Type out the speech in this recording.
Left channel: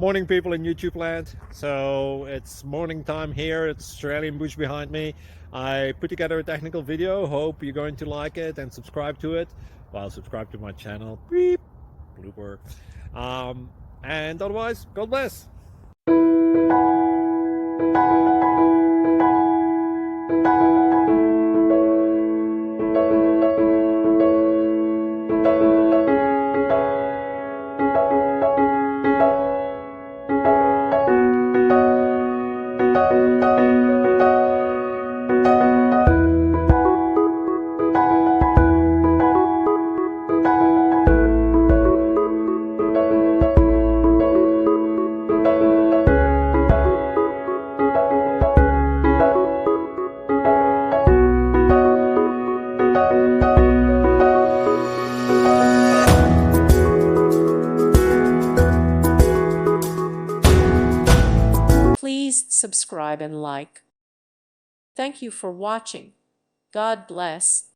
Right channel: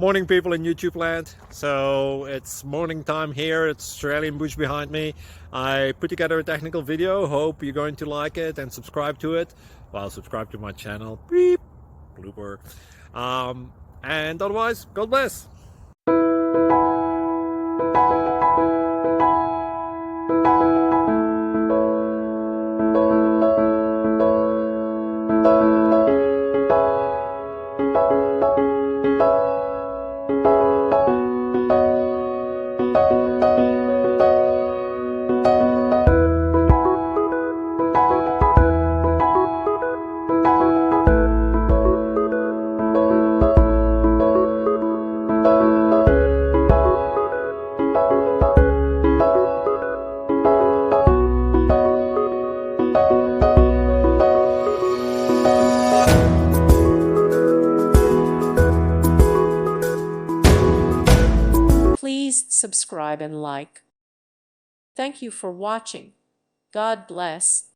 Morning, people in YouTube land. So it's morning time here. It's Australian bush behind me. I put together a technical video. Hope you're going to like it and subscribe to it. Well, subscribe to my channel. Beep. Blooper. And otherwise, God bless. Please subscribe and like. Thank you for watching. God bless.